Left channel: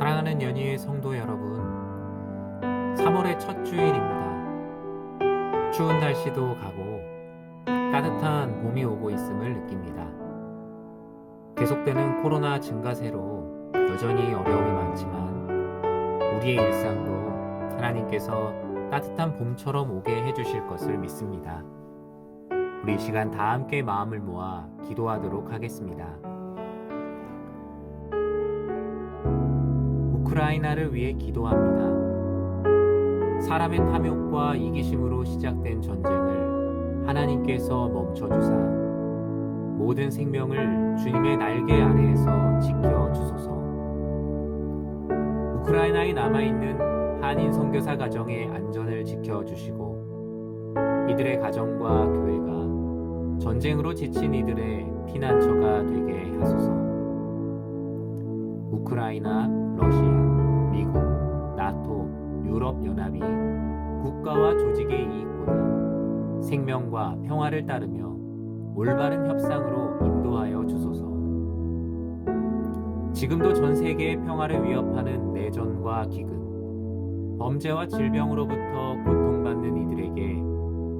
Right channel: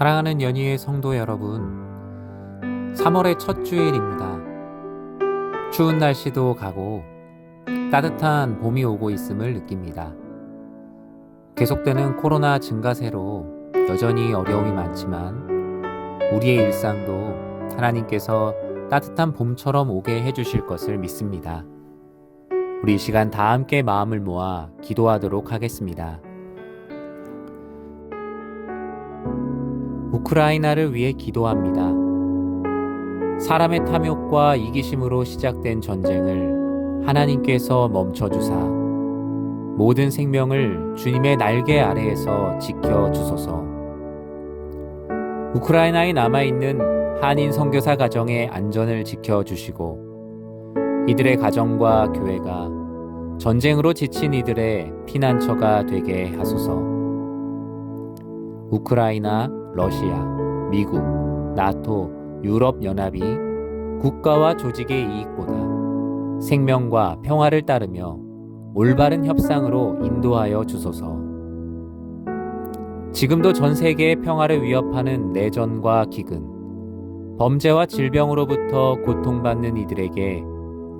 사랑하는 연희의 성도 여러분, 3월의 첫 주일입니다. 추운 날씨도 가고 따뜻한 봄이 오고 있음을 느낍니다. 계속되는 코로나 증가세로 여전히 어려움이 많지만 우리의 일상도 하나님께서 따뜻한 봄처럼 오게 해주실 것을 믿습니다. 우리 이 시간 다 함께 마음을 모아 기도하도록 하겠습니다. 우크라이나를 위해 기도합니다. 사람의 탐욕과 이기심으로 시작된 전쟁을 하나님께서 멈춰주사 모든 생명을 주님의 날개 아래에서 지켜주소서. 우크라이나에 남아있는 한인 선교사 가정의 안전을 지켜주시고 이들의 가정과 교회가 전쟁으로 지친 이들의 피난처가 되게 하소서. 우크라이나, 러시아, 미국, 나토, 유럽연합이 국가와 조직의 이익보다 생명과 평화를 따르며 올바른 협상으로 인도하여 주소서. 지금도 전 세계의 평화를 위협하는 내전과 기근, 범죄와 질병으로부터 고통받는 이들에게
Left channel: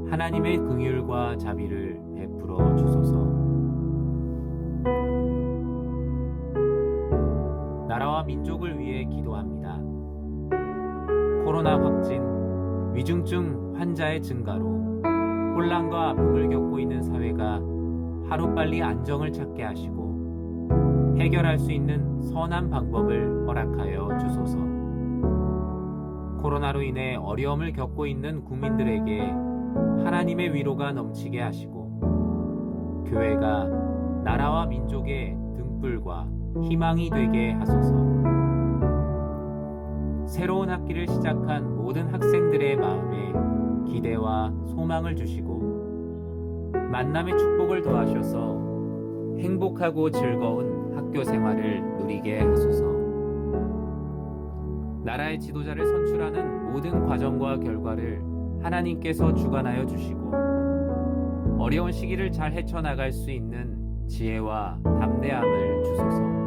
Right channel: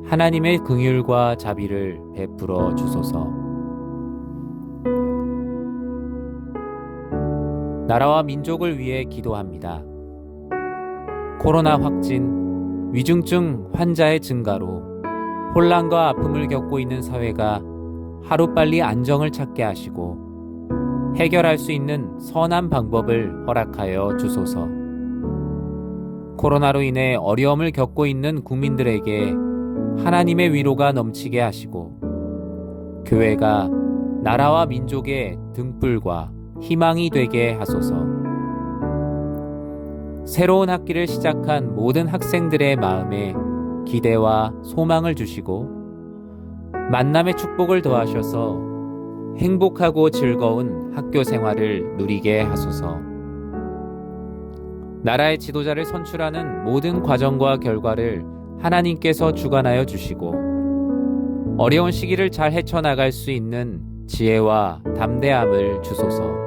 하나님의 긍휼과 자비를 베풀어 주소서. 나라와 민족을 위해 기도합니다. 코로나 확진, 위중증 환자의 증가로 혼란과 아픔을 겪고 있는 사회가 하루빨리 안정을 찾게 하시고 해결할 수 있는 선한 방법을 허락하여 주소서. 코로나로 인해 어려움을 겪고 있는 국민들에게 하나님의 위로가 넘치게 하시고 교회가 나라와 민족의 등불과 희망이 되게 하소서. 새로운 학기를 시작한 모든 학생들의 마음에 기대와 소망을 주시고 만남의 축복을 더하셔서 행복하고 즐거운 학교 생활을 누리게 하소서. 나라의 지도자를 선출하는 모든 과정과 결과를 하나님께서 주관하여 주시고 어려운 시기를 잘 헤쳐나갈 수 있는 지혜와 담대함을 주소서.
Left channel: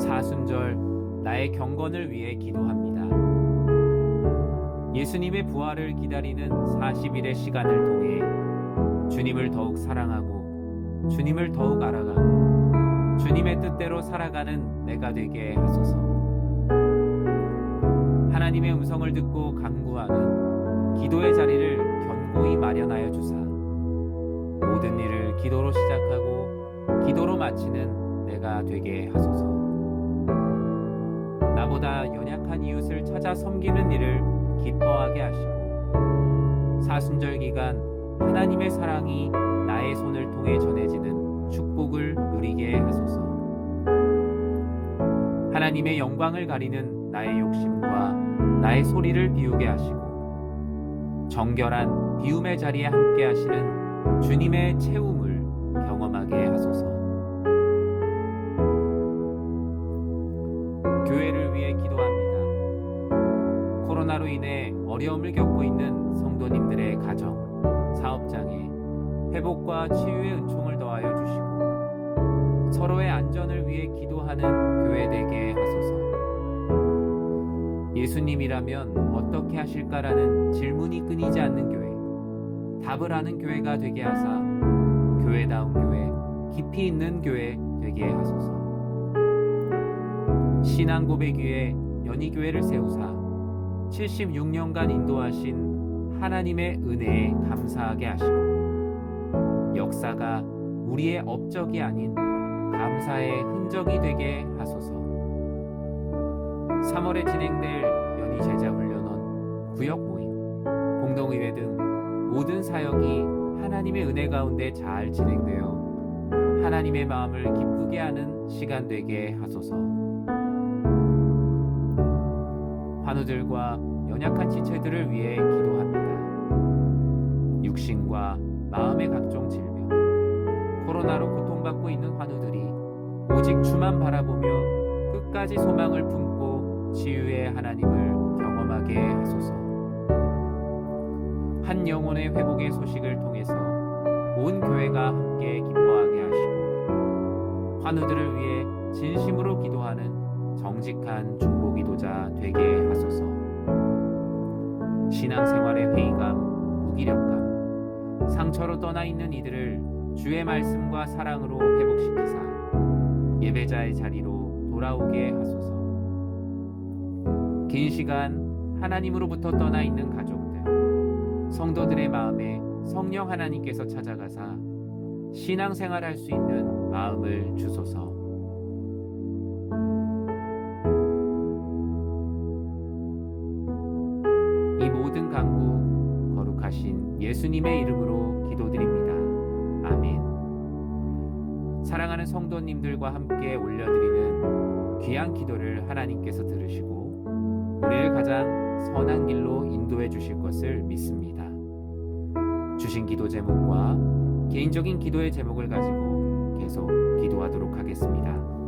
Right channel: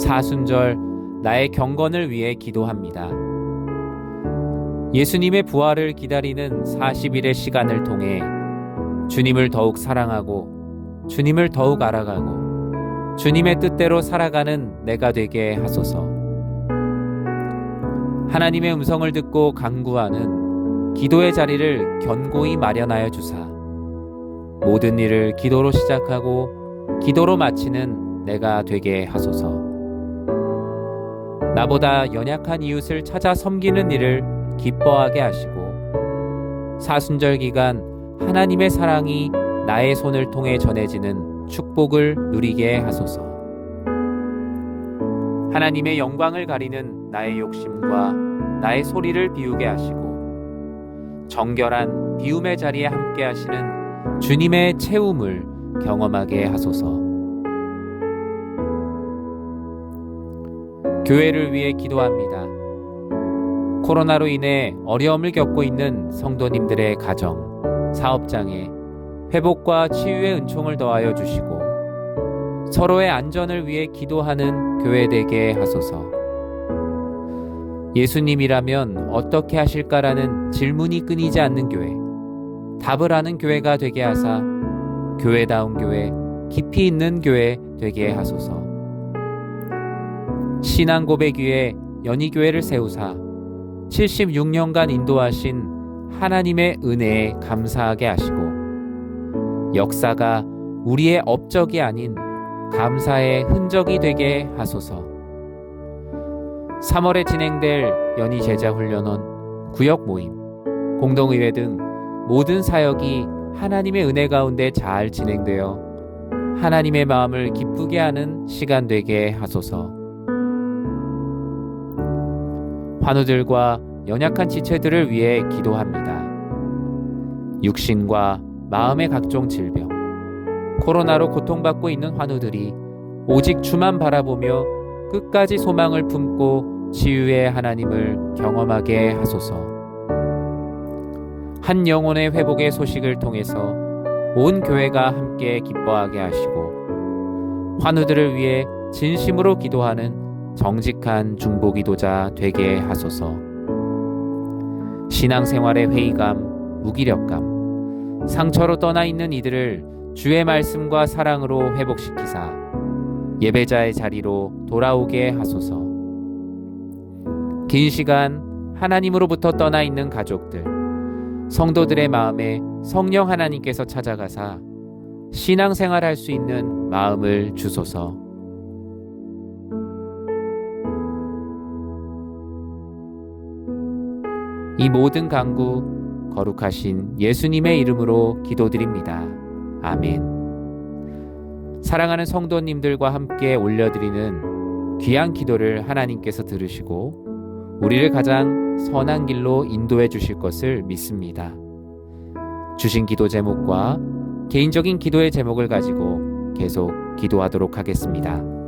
사순절 나의 경건을 위해 기도합니다. 예수님의 부활을 기다리는 40일의 시간을 통해 주님을 더욱 사랑하고 주님을 더욱 알아가고 주님의 뜻대로 살아가는 내가 되게 하소서. 하나님의 음성을 듣고 간구하는 기도의 자리를 견고히 마련하여 주사 모든 일을 기도로 시작하고 기도로 마치는 내가 되게 하소서. 나보다 연약한 이웃을 찾아 섬기는 일을 기뻐하게 하시고 사순절 기간 하나님의 사랑이 나의 손을 통해 전해지는 축복을 누리게 하소서. 하나님의 영광을 가리는 나의 욕심과 나의 소리를 비우게 하시고 정결한 비움의 자리에 함께 하시는 주님의 채움을 경험하게 하소서. 교회를 위해 기도합니다. 코로나로 인해 어려움을 겪고 있는 성도님들의 가정, 사업장에 회복과 치유의 은총을 더하여 주시고 서로의 안전을 위해 기도하는 교회 되게 하소서. 예수님이라면 어떻게 하실까라는 질문이 끊이지 않는 교회, 답을 아는 교회가 되게 하사 교회다운 교회, 깊이 있는 교회 되게 하소서. 신앙 고백 위에 연희교회를 세우사 76년간 인도하신 하나님의 은혜에 감사하게 하시고 역사가 우리의 업적이 아닌 감사의 흔적이 되게 하소서. 3월에 진행될 연희 제자훈련원, 구역 모임, 공동의회 등 모든 사역이 하나님의 은혜 가운데 잘 진행되어 하나님의 마음을 기쁘게 하는 시간 되게 하소서. 환우들과 연약한 지체들을 위해 기도합니다. 육신과 마음의 각종 질병, 코로나로 고통받고 있는 환우들이 오직 주만 바라보며 끝까지 소망을 품고 치유의 하나님을 경험하게 하소서. 한 영혼의 회복의 소식을 통해서 온 교회가 함께 기뻐하게 하시고 환우들을 위해 진심으로 기도하는 정직한 중보기도자 되게 하소서. 신앙생활의 회의감, 무기력감, 상처로 떠나 있는 이들을 주의 말씀과 사랑으로 회복시키사 예배자의 자리로 돌아오게 하소서. 긴 시간 하나님으로부터 떠나 있는 가족들, 성도들의 마음에 성령 하나님께서 찾아가사 신앙생활할 수 있는 마음을 주소서. 이 모든 간구 거룩하신 예수님의 이름으로 기도드립니다. 아멘. 사랑하는 성도님들과 함께 올려드리는 귀한 기도를 하나님께서 들으시고 우리를 가장 선한 길로 인도해 주실 것을 믿습니다. 주신 기도 제목과 개인적인 기도의 제목을 가지고 계속 기도하도록 하겠습니다.